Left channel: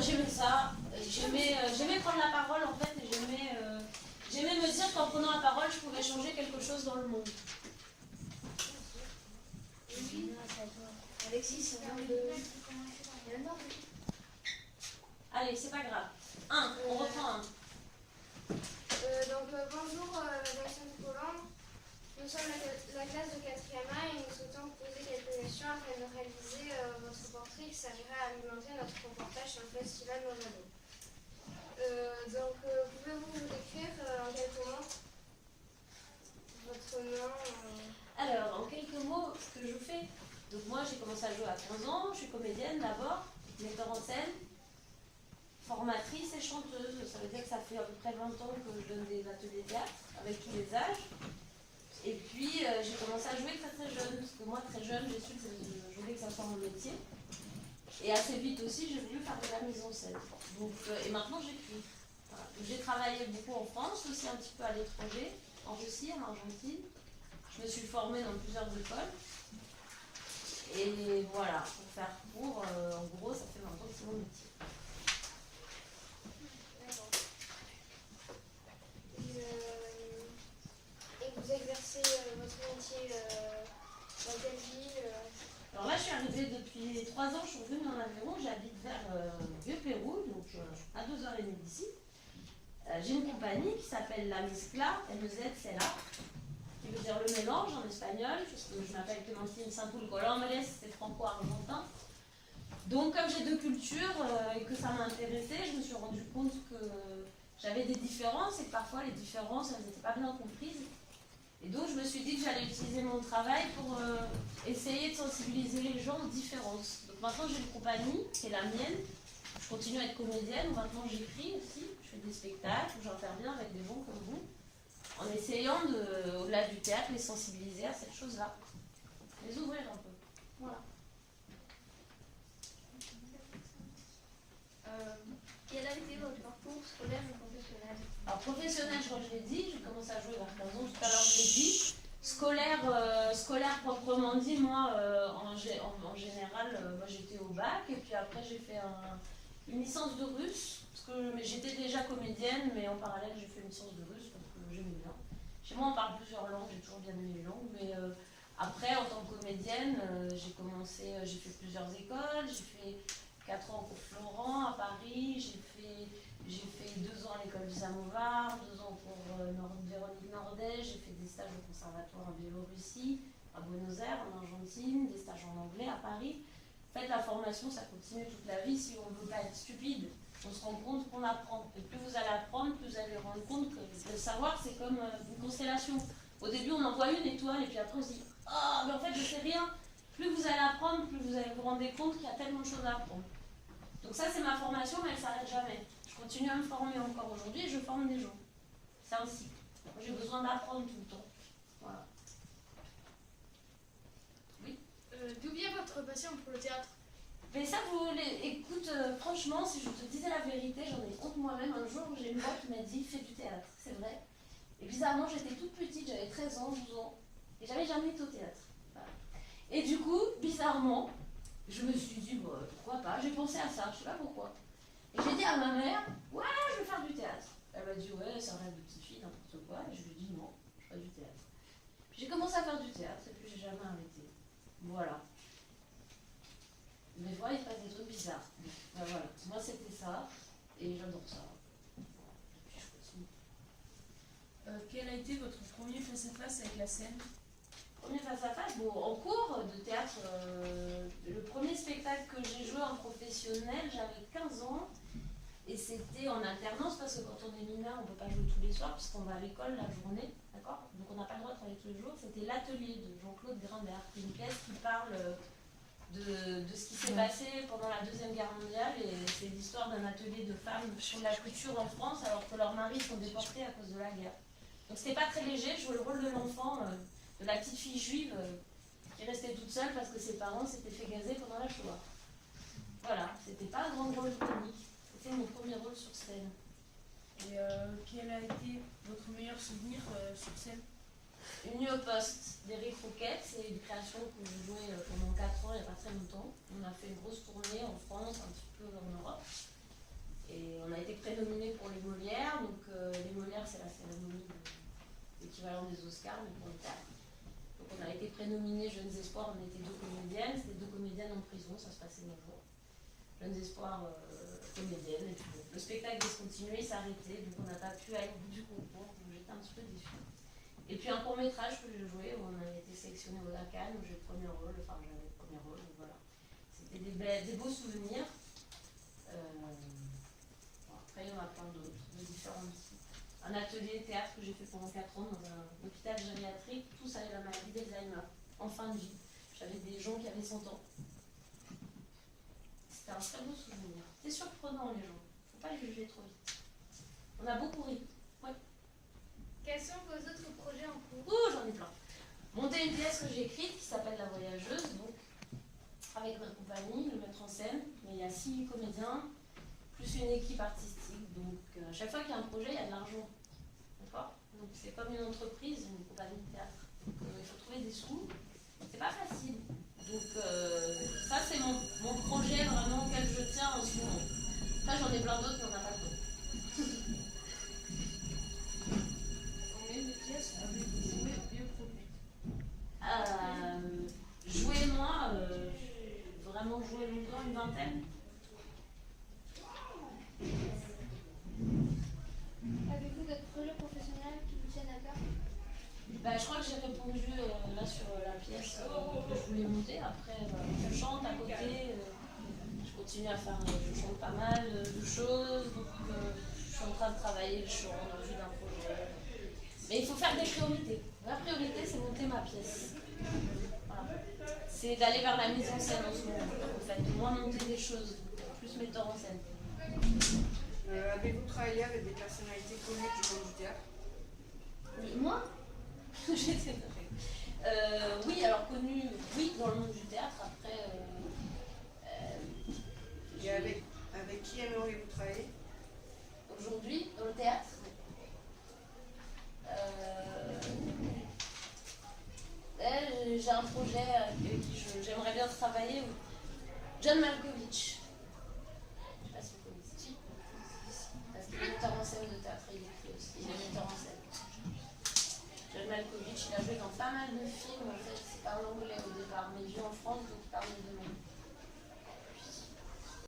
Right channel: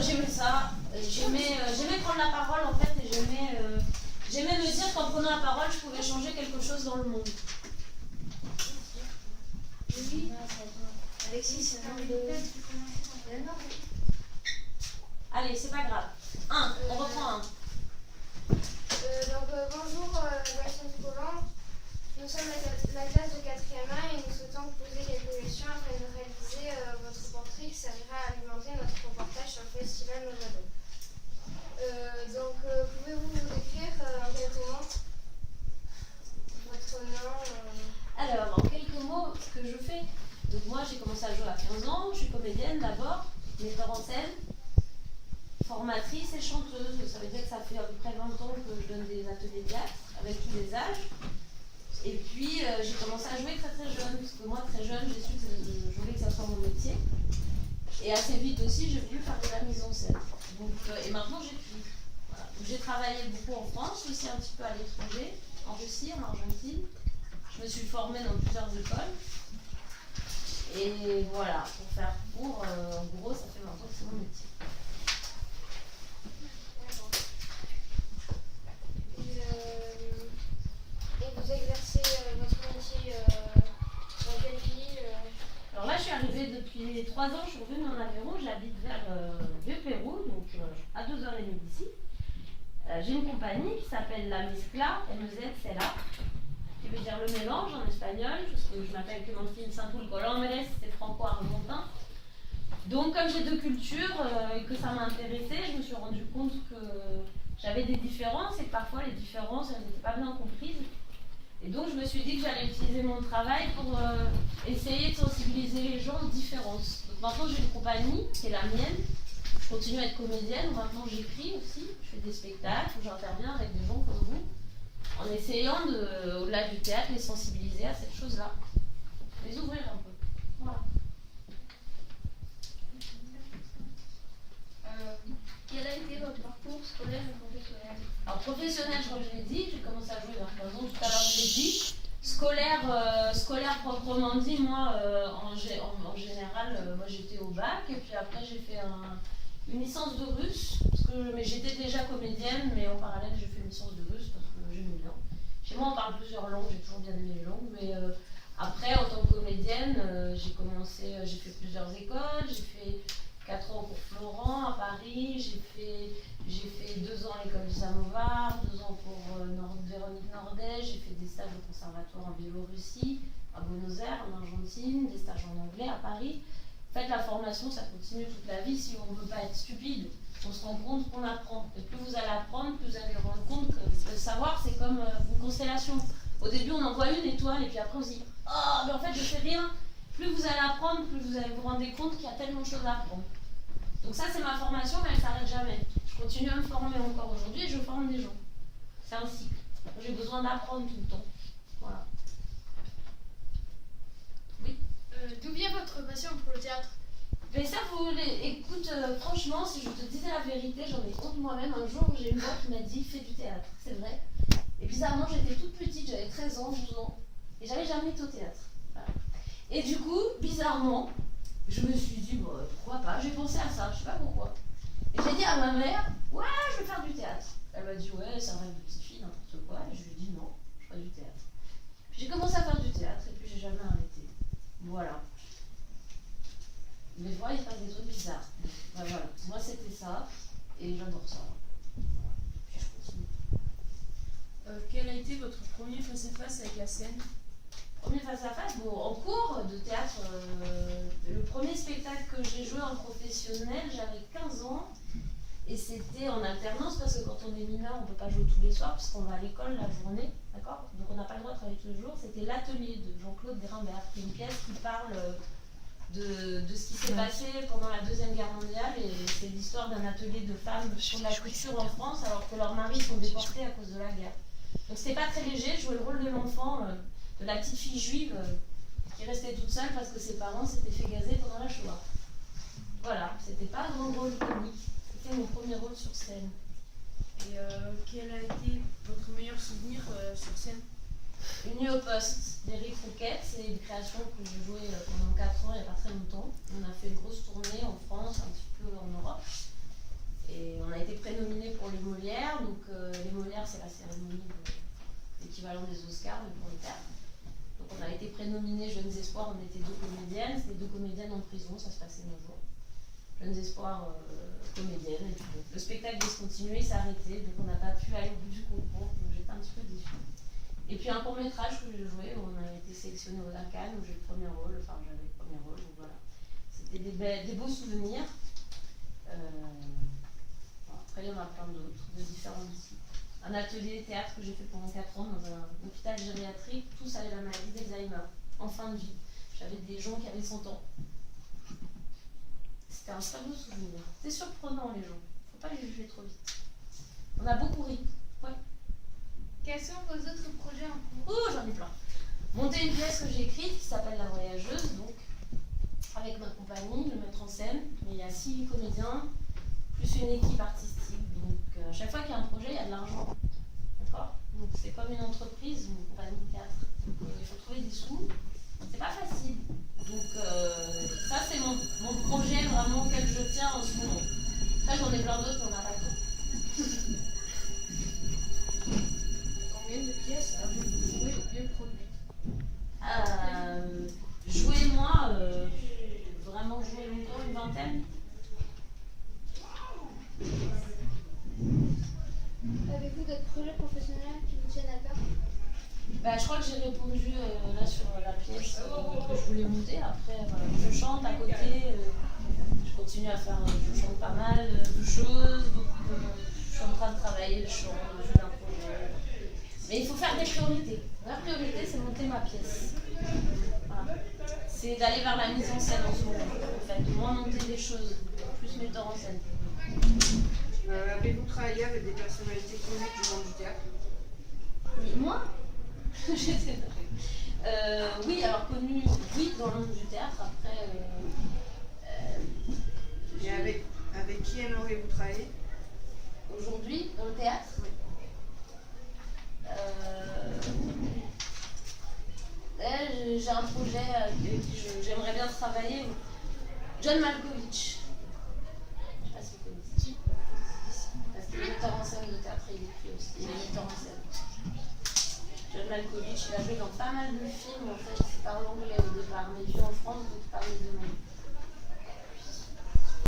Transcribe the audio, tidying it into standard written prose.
J'aimais ça. J'aimais prendre la parole en fait et j'aimais me dire qu'en prenant la parole, je pouvais changer quelque chose dans le monde. Oui. Alexis, c'est un nom de... Allez, c'est pas grave. On reprend un. Bonjour, Bastien Colomb. Nous sommes la classe de 4e A et nous souhaitons vous poser quelques questions afin de réaliser votre portrait qui servira à alimenter notre reportage sur le festival Movado. Pouvez-vous vous décrire en quelques mots votre nom Alors, en quelques mots, ce que je fais. Donc moi, j'ai commencé à jouer à 15 ans. Je suis comédienne d'abord, metteur en scène, formatrice et chanteuse. Ça veut dire que ça fait à peu près 20 ans que je donne des ateliers de théâtre avec tous les âges. Et puis, j'ai commencé à jouer très très jeune, parce que moi, très jeune, j'ai su que je voulais que ça soit mon métier. Et assez vite aussi, j'ai voulu faire de la mise en scène. Donc, et maintenant, j'écris. Voilà. J'ai travaillé beaucoup en France, aussi un petit peu à l'étranger, en Russie, en Argentine. Je me suis formée dans plusieurs écoles. Et voilà, pour faire court, en gros, ça fait 20 ans que c'est mon métier. Vous exercez votre métier dans quelle ville Alors là, je suis arrivée depuis 3 ans, je suis revenue en Aveyron, j'habite vers Vieux-Pérou, donc à 2h30 d'ici. J'ai une compagnie qui s'appelle La Mezcla, M-E-Z-C-L-A, qui veut dire le mélange en espagnol, parce que je m'appelle Clémentine Saint-Poul Colombres, c'est franco-argentin. Donc comme j'ai 2 cultures et que ça m'a intéressée, je me suis rendu compte que j'avais des différences et que parfois les différences, elles n'étaient pas bien comprises. Et donc je me suis dit que j'allais utiliser mon travail pour essayer de sensibiliser les gens aux différences. Donc maintenant j'ai une compagnie qui est la mienne. Je continue à être comédienne. Maintenant j'écris aussi. Je fais des spectacles où j'interviens avec des gens comme vous. En essayant, au-delà du théâtre, les sensibiliser à cette chose-là. Les ouvrir un peu. Voilà. Quel a été votre parcours scolaire et professionnel? Alors professionnel, je crois que je l'ai dit, j'ai commencé à jouer vers 15 ans, tout à l'heure je l'ai dit. Scolaire proprement dit, moi en général, moi j'étais au bac et puis après j'ai fait une licence de russe, mais j'étais déjà comédienne, mais en parallèle j'ai fait une licence de russe parce que j'aimais bien. Chez moi on parle plusieurs langues, j'ai toujours bien aimé les langues, mais après en tant que comédienne, j'ai fait plusieurs écoles, j'ai fait 4 ans au cours Florent à Paris, j'ai fait 2 ans à l'école du Samovar, 2 ans pour Véronique Nordet, j'ai fait des stages au conservatoire en Biélorussie, à Buenos Aires, en Argentine, des stages en anglais à Paris. En fait, la formation, ça continue toute la vie si on ne veut pas être stupide. On se rend compte qu'on apprend. Et plus vous allez apprendre, plus vous allez vous rendre compte que le savoir, c'est comme une constellation. Au début, on en voit une étoile, et puis après, on se dit « Oh, mais en fait, je ne sais rien ». Plus vous allez apprendre, plus vous allez vous rendre compte qu'il y a tellement de choses à apprendre. Donc ça, c'est ma formation, mais elle ne s'arrête jamais. Je continue à me former encore aujourd'hui et je forme des gens. C'est un cycle. J'ai besoin d'apprendre tout le temps. Voilà. Oui. D'où vient votre passion pour le théâtre? Mais ça, écoute, franchement, si je te disais la vérité, j'en ai honte moi-même. Un jour, j'ai une voix qui m'a dit « Fais du théâtre ». C'est vrai. Et bizarrement, j'étais toute petite, j'avais 13 ans, 12 ans. Et j'avais jamais été au théâtre. Voilà. Et du coup, bizarrement, je me suis dit, bon, pourquoi pas, j'ai pensé à ça, je sais pas pourquoi. Et j'ai dit à ma mère, ouais, je vais faire du théâtre. Elle m'a dit, ouais, c'est un rêve de petite fille, n'importe quoi. Et je lui ai dit, non, je ferai du théâtre. Puis j'ai commencé à faire du théâtre et puis j'ai jamais arrêté. Voilà. Mais voilà, il se passe des trucs bizarres. Ben voilà, moi c'était ça et j'adore ça. Voilà. Et puis je continue. Quel a été votre premier face-à-face avec la scène? Premier face-à-face, bon, en cours de théâtre, le premier spectacle que j'ai joué en professionnel, j'avais 15 ans et c'était en alternance parce que quand on est mineur, on ne peut pas jouer tous les soirs parce qu'on va à l'école la journée, d'accord? Donc on n'a pas le droit de travailler tous les jours. C'était l'atelier de Jean-Claude Grimbert, qui est une pièce qui parle de ce qui s'est passé pendant la Deuxième Guerre mondiale et c'est l'histoire d'un atelier de femmes sur la couture en France alors que leurs maris sont déportés à cause de la guerre. Donc c'était pas très léger, je jouais le rôle de l'enfant, de la petite fille juive qui restait toute seule parce que ses parents s'étaient fait gazer pendant la Shoah. Voilà, c'était pas un grand rôle comique, c'était mon premier rôle sur scène. Et quel a été votre meilleur souvenir sur scène? Une nuit au poste d'Éric Rouquette, c'est une création que j'ai jouée pendant 4 ans, il n'y a pas très longtemps. On a fait une grosse tournée en France. c'est la cérémonie l'équivalent des Oscars, mais pour le théâtre. Donc on a été prénominés Jeunes Espoirs, on était 2 comédiennes, c'était 2 comédiennes en prison, ça se passait 9 jours. Jeunes Espoirs comédiennes, et puis bon, le spectacle devait se continuer, il s'est arrêté, donc on n'a pas pu aller au bout du concours, donc j'étais un petit peu déçue. Et puis un court-métrage que j'ai joué, où on a été sélectionné au Cannes, où j'ai le premier rôle, enfin j'avais le premier rôle, donc voilà. C'était des beaux souvenirs. Bon, après, il y en a plein d'autres, de différents types. Un atelier théâtre que j'ai fait pendant 4 ans dans un hôpital gériatrique, tous avec la maladie d'Alzheimer, en fin de vie. J'avais des gens qui avaient 100 ans. C'était un très beau souvenir. C'est surprenant, les gens. Faut pas les juger trop vite. On a beaucoup ri. Ouais. Quels sont vos autres projets en cours? Oh, j'en ai plein. Monter une pièce que j'ai écrite qui s'appelle La Voyageuse, donc avec ma compagnie, le mettre en scène. Mais il y a 6 comédiens, plus une équipe artistique. Donc à chaque fois qu'il y a un projet, il y a de l'argent. D'accord? Donc c'est comme une entreprise, une compagnie de théâtre. Il faut trouver des sous. C'est pas facile. Donc ça c'est mon projet vraiment auquel je tiens en ce moment. Après j'en ai plein d'autres, mais on n'a pas le temps. Combien de pièces avez-vous joué ou bien produites? Jouer moi, vraiment jouer longtemps, une vingtaine. Avez-vous d'autres projets professionnels qui vous tiennent à cœur? Je crois que j'ai répondu là sur la pièce que je voulais monter. Après, je chante à côté, je continue à faire, je chante pas mal de choses. Donc, je suis en train de travailler le chant, le jeu d'un projet. Mais il faut faire des priorités. La priorité, c'est monter ma pièce. Voilà. C'est d'aller vers la mise en scène en ce moment. En fait, moins monter des choses, plus metteur en scène. Avez-vous travaillé avec des personnalités connues du monde du théâtre? Oui, moi j'étais oui, alors connu, oui, dans le monde du théâtre. Après, Et avec qui aimeriez-vous travailler? Aujourd'hui, dans le théâtre, j'ai un projet avec qui j'aimerais bien travailler. John Malkovich. Je sais pas si vous connaissez. Parce qu'il est metteur en scène de théâtre, il écrit aussi. Il est metteur en scène. John Malkovich, il a joué dans pas mal de films. En fait, il parle anglais au départ, mais il vit en France, donc il parle les deux langues.